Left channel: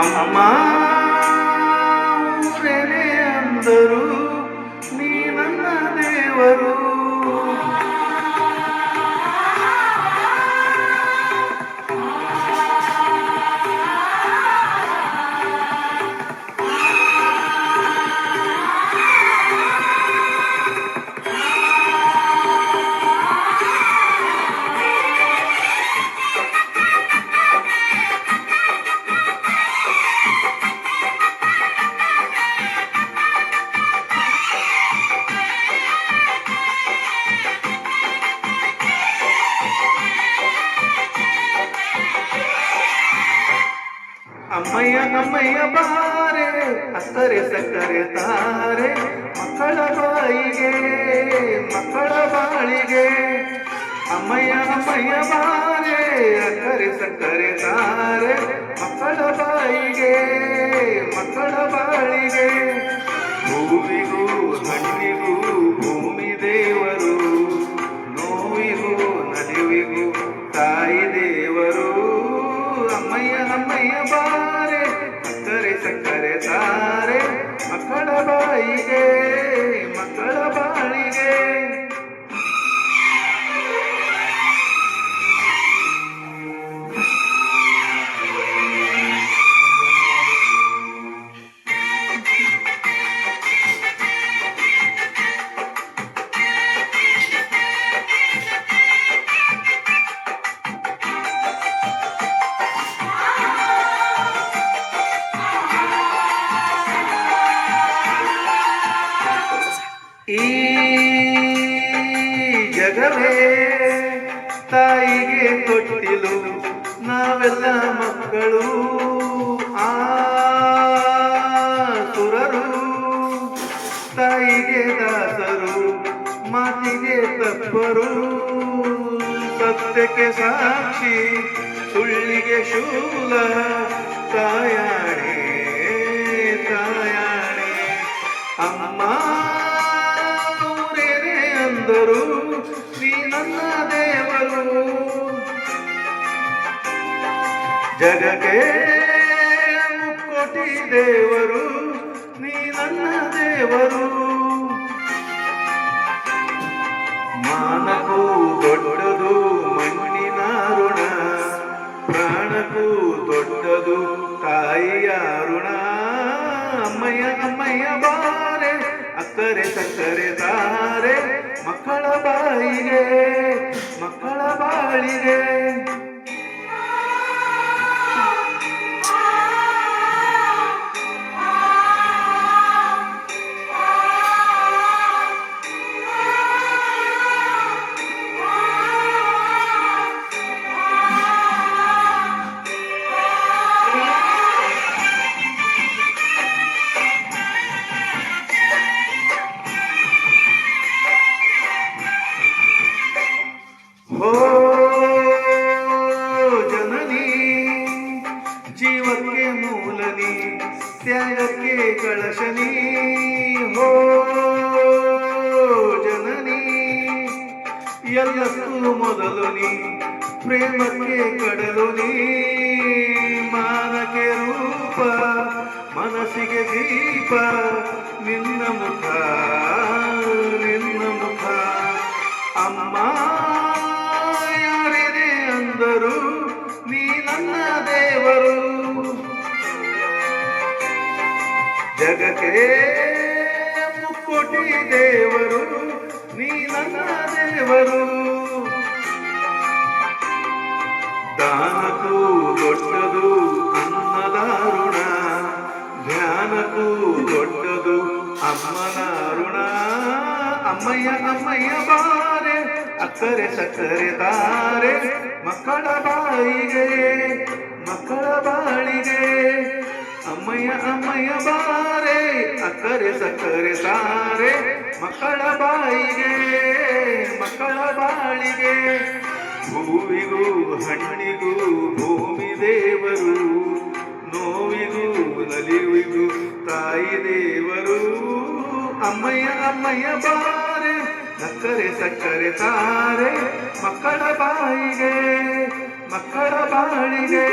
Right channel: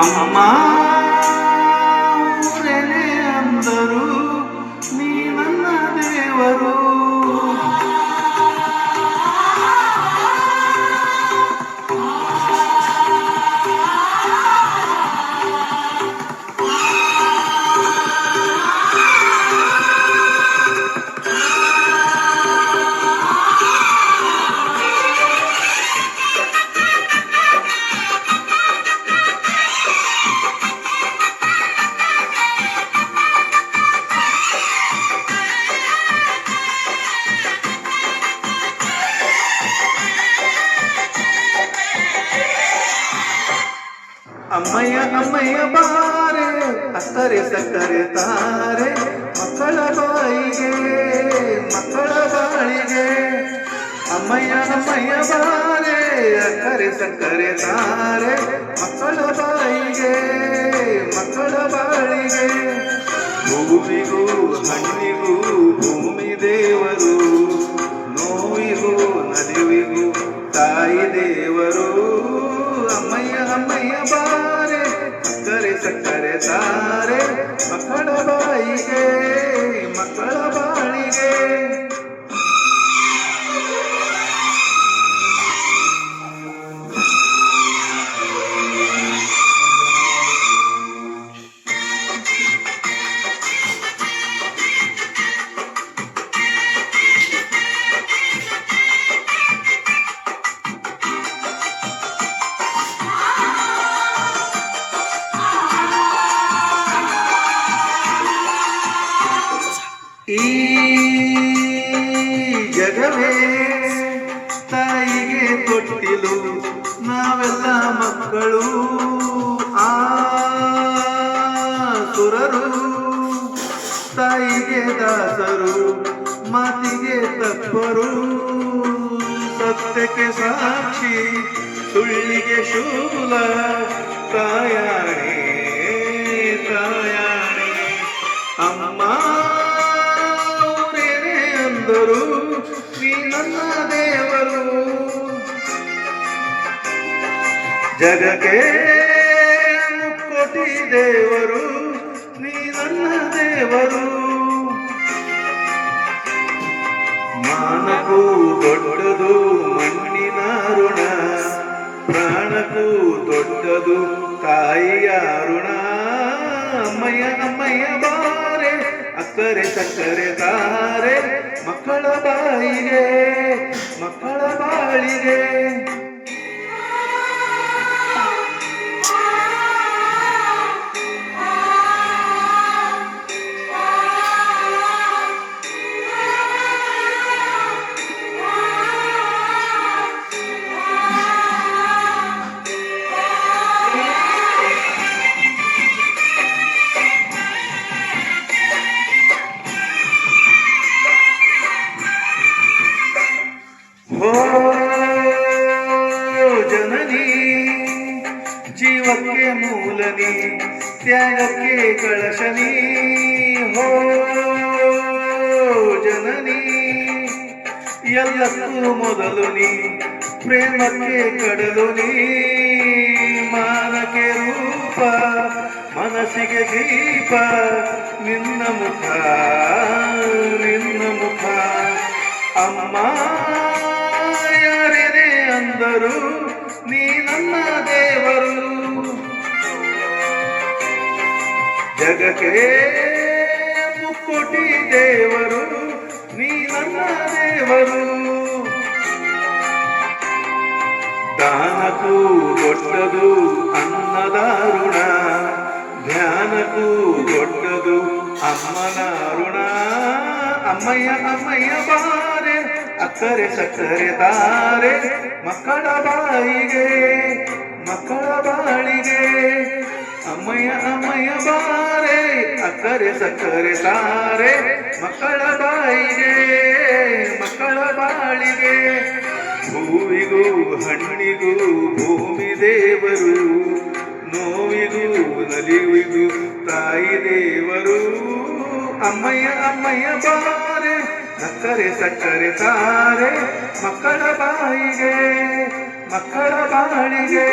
ಅಮ್ಮ ಊರೇನೆ ಅಂದರು ನೀ ನನ್ನ ದೇವರು. ಅಮ್ಮಯ್ಯ ಅಮ್ಮಯ್ಯ ಬಾರೆ ಅಕ್ಕರೆ ಸಕ್ಕರೆ ತಾರೆ ಮಕ್ಕಳ ಬಾಯಿಗೆ ಮಕ್ಕಳ ಬಾಳಿಗೆ. ಅಮ್ಮಯ್ಯ ಅಮ್ಮಯ್ಯ ಬಾರೆ ಅಕ್ಕರೆ ಸಕ್ಕರೆ ತಾರೆ ಮಕ್ಕಳ ಬಾಯಿಗೆ ಮಕ್ಕಳ ಬಾಳಿಗೆ. ಹೂವಿಗೂ ಹಣ್ಣಿಗೂ ಭೂಮಿ ದೇವರು, ನೋವಿಗೂ ನಲಿವಿಗೂ ತಾಯಿ ದೇವರು. ಅಮ್ಮಯ್ಯ ಅಮ್ಮಯ್ಯ ಬಾರೆ ಅಕ್ಕರೆ ಸಕ್ಕರೆ ತಾರೆ ಮಕ್ಕಳ ಬಾಯಿಗೆ ಮಕ್ಕಳ ಬಾಳಿಗೆ. ಈ ಜಗವೇ ತಾಯಿಗೆ ತೊಟ್ಟಿಲು, ನಾವೆಲ್ಲ ಮಕ್ಕಳು ಆ ಸುರರು. ತಾಯಿಗೆ ದಾಸರು, ಮಾತಿಗೆ ತತ್ಪರು, ಸತ್ಯಕ್ಕೆ ಸಾಕ್ಷಿ, ಸುಳ್ಳಿಗೆ ಶೂಲ. ತಾಯಾಣೆ ತಾಯಾಣೆ ಅಮ್ಮ ಅಂದರು ನೀ ನನ್ನ ದೇವರು. ಜಗಕ್ಕೆ ಮುಕ್ಕೋಟಿ ದೇವರು ನೀ ನನ್ನ ದೇವರು. ಮಾನಕ್ಕೂ ದೊಡ್ಡದು ಮಣ್ಣಿನ ಋಣ, ಪ್ರಾಣಕ್ಕೂ ದೊಡ್ಡದು ತಾಯಿಯ ಋಣ. ಅಮ್ಮಯ್ಯ ಅಮ್ಮಯ್ಯ ಬಾರೆ ಅಕ್ಕರೆ ಸಕ್ಕರೆ ತಾರೆ ಮಕ್ಕಳ ಬಾಯಿಗೆ ಮಕ್ಕಳ ಬಾಳಿಗೆ. ಓ ಜನನಿ ಜೀವಕ್ಕೆ ಮೂಲನಿ, ತ್ಯಾಗಕ್ಕೆ ಕಳಶನಿ. ಹೋ ಜನನಿ ಎಲ್ಲಕ್ಕೂ ಮೊದಲು ನೀ, ಪ್ರೇಮಕ್ಕೆ ಕಡಲು ನೀ. ಮಾನಕ್ಕೆ ರೂಪ, ಮನಸ್ಸಿಗೆ ದೀಪ, ನಿನ್ನ ಮುಖ ನಿನ್ನ ಮುಖ. ಅಮ್ಮ ಯಾರಿದೆ ಅಂದರು ನೀ ನನ್ನ ದೇವರು. ಜಗಕ್ಕೆ ಮುಕ್ಕೋಟಿ ದೇವರು ನೀ ನನ್ನ ದೇವರು. ದಾನಕ್ಕೂ ದೊಡ್ಡದು ಅನ್ನದ ಋಣ, ಧ್ಯಾನಕ್ಕೂ ದೊಡ್ಡದು ಅಮ್ಮನ ಋಣ. ಅಮ್ಮಯ್ಯ ಅಮ್ಮಯ್ಯ ಬಾರೆ ಅಕ್ಕರೆ ಸಕ್ಕರೆ ತಾರೆ ಮಕ್ಕಳ ಬಾಯಿಗೆ ಮಕ್ಕಳ ಬಾಳಿಗೆ. ಅಮ್ಮಯ್ಯ ಅಮ್ಮಯ್ಯ ಬಾರೆ ಅಕ್ಕರೆ ಸಕ್ಕರೆ ತಾರೆ ಮಕ್ಕಳ ಬಾಯಿಗೆ ಮಕ್ಕಳ ಬಾಳಿಗೆ. ಹೂವಿಗೂ ಹಣ್ಣಿಗೂ ಭೂಮಿ ದೇವರು, ನೋವಿಗೂ ನಲಿವಿಗೂ ತಾಯಿ ದೇವರು. ಅಮ್ಮಯ್ಯ ಅಮ್ಮಯ್ಯ ಬಾರೆ ಅಕ್ಕರೆ ಸಕ್ಕರೆ ತಾರೆ ಮಕ್ಕಳ ಬಾಯಿಗೆ ಮಕ್ಕಳ ಬಾಳಿಗೆ